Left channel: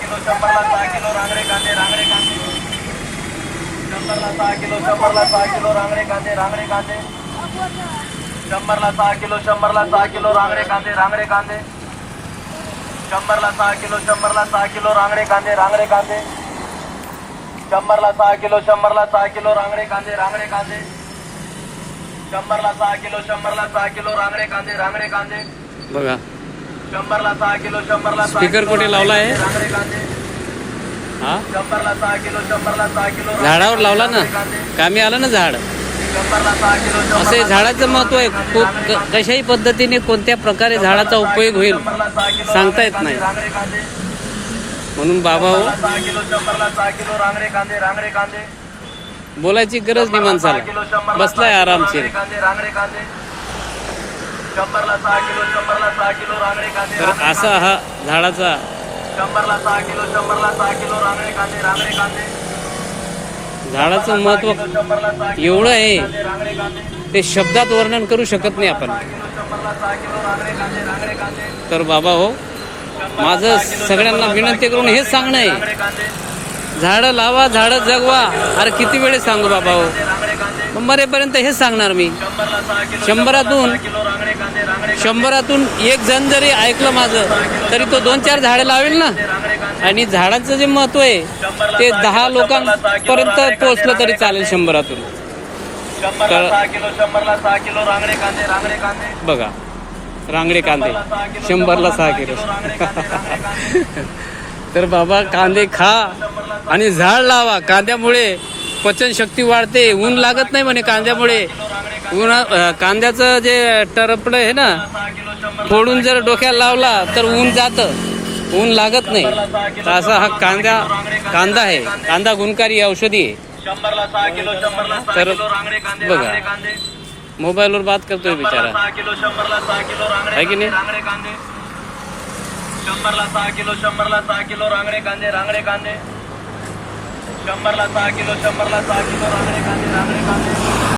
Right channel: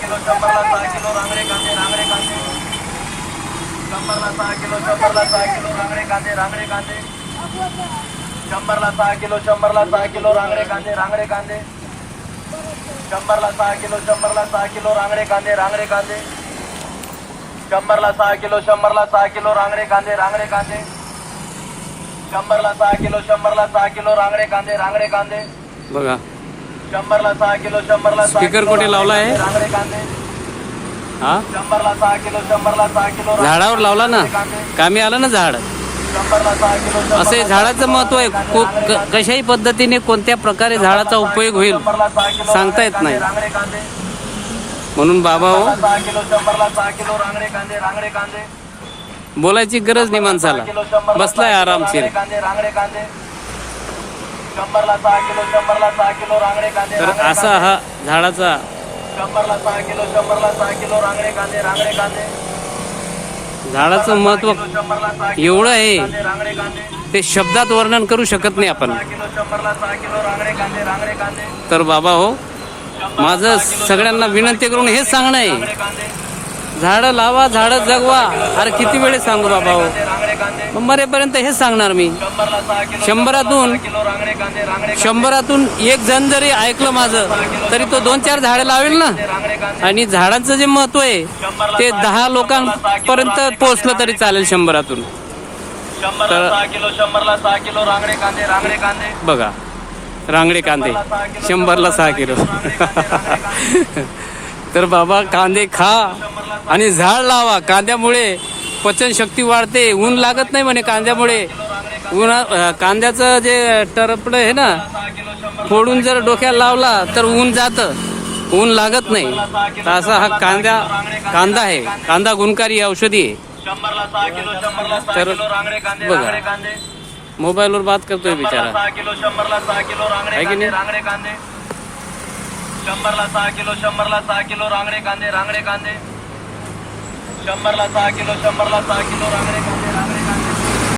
Kilo शंभरला सहा kilo Rangade कांदे रांगडे कांदे शंभरला सहा किलो शंभरला सहा किलो रांगडे कांदे रांगडे कांदे शंभरला सहा किलो शंभरला सहा किलो रांगडे कांदे रांगडे कांदे शंभरला सहा किलो शंभरला सहा किलो रांगडे कांदे रांगडे कांदे शंभरला सहा किलो शंभरला सहा किलो रांगडे कांदे रांगडे कांदे शंभरला सहा किलो शंभरला सहा किलो रांगडे कांदे रांगडे कांदे बघा शंभरला सहा किलो शंभरला किलो कुठे लावला आहे? हा? शंभरला सहा किलो शंभरला सहा किलो झाडावर लावला ना? कामी आलं ना झाड? असं झाडाचं महत्त्व आहे. कशाही पद्धतीने कोणत्या प्रकारे झाडाचा उपयोग होईल सांगता येत नाही. म्हणून बाबा हो बोलायची गरज नाही माणसाला. बसलाय आरामशीर रांगडे कांदे रांगडे कांदे शंभरला सहा किलो शंभरला सहा किलो रांगडे कांदे तर रांगडे असा हा झाडाचा शंभरला सहा किलो शंभरला सहा किलो रांगडे कांदे रांगडे कांदे झाडाचं महत्त्व शंभरला सहा किलो एवढं आहे. कांदे रांगडे कांदे ते शब्दात वर्णन करू शकत नाही आपण. सहा किलो शंभरला सहा किलो रांगडे कांदे रांगडे कांदे तर बाबा हो माझं सगळ्यांना विनंती करून हेच सांगणं आहे. रांगडे कांदे झाडं लावा झाडं जगवा. अरे किती वेळेस सांगू बाबा हो? कांदे. मरेपर्यंत हेच सांगणार मी. शंभरला सहा किलो शंभरातून किलो कांदे शंभरातून एक जण जरी ऐकलं माझं तरी तो दोन चार झाडं लावेल ना. कांदे. आणि झाडाचं जे महत्त्व आहे ते दहा लोकांपर्यंत पोहोचलं तरी चालेल शंभरातून. शंभरला सहा किलो शंभरला सहा किलो रांगडे कांदे रांगडे कांदे. बघा रांगडे कांदे. शंभरला सहा किलो तर बाबा कांदे खा आणि झाड लावा कांद्यामुळे. पचनशक्ती वाढते ऊन लागत नाही म्हणे कांद्यामुळे. उन्हा कांद्याचं जे टरपड आहे ना फोडून जर डोक्याला लावला तर ऊन जातं. ऊन लागत नाही. तर असा हा कांदा कांदा आहे. कांदा गुणकारी औषधी आहे. तर बघा. मोबाईलवर बात करतोय बिचारा. आहे की नाही? शंभरला सहा किलो शंभरला सहा किलो रांगडे कांदे रांगडे कांदे. शंभरला सहा किलो शंभरला सहा किलो रांगडे कांदे रांगडे कांदे.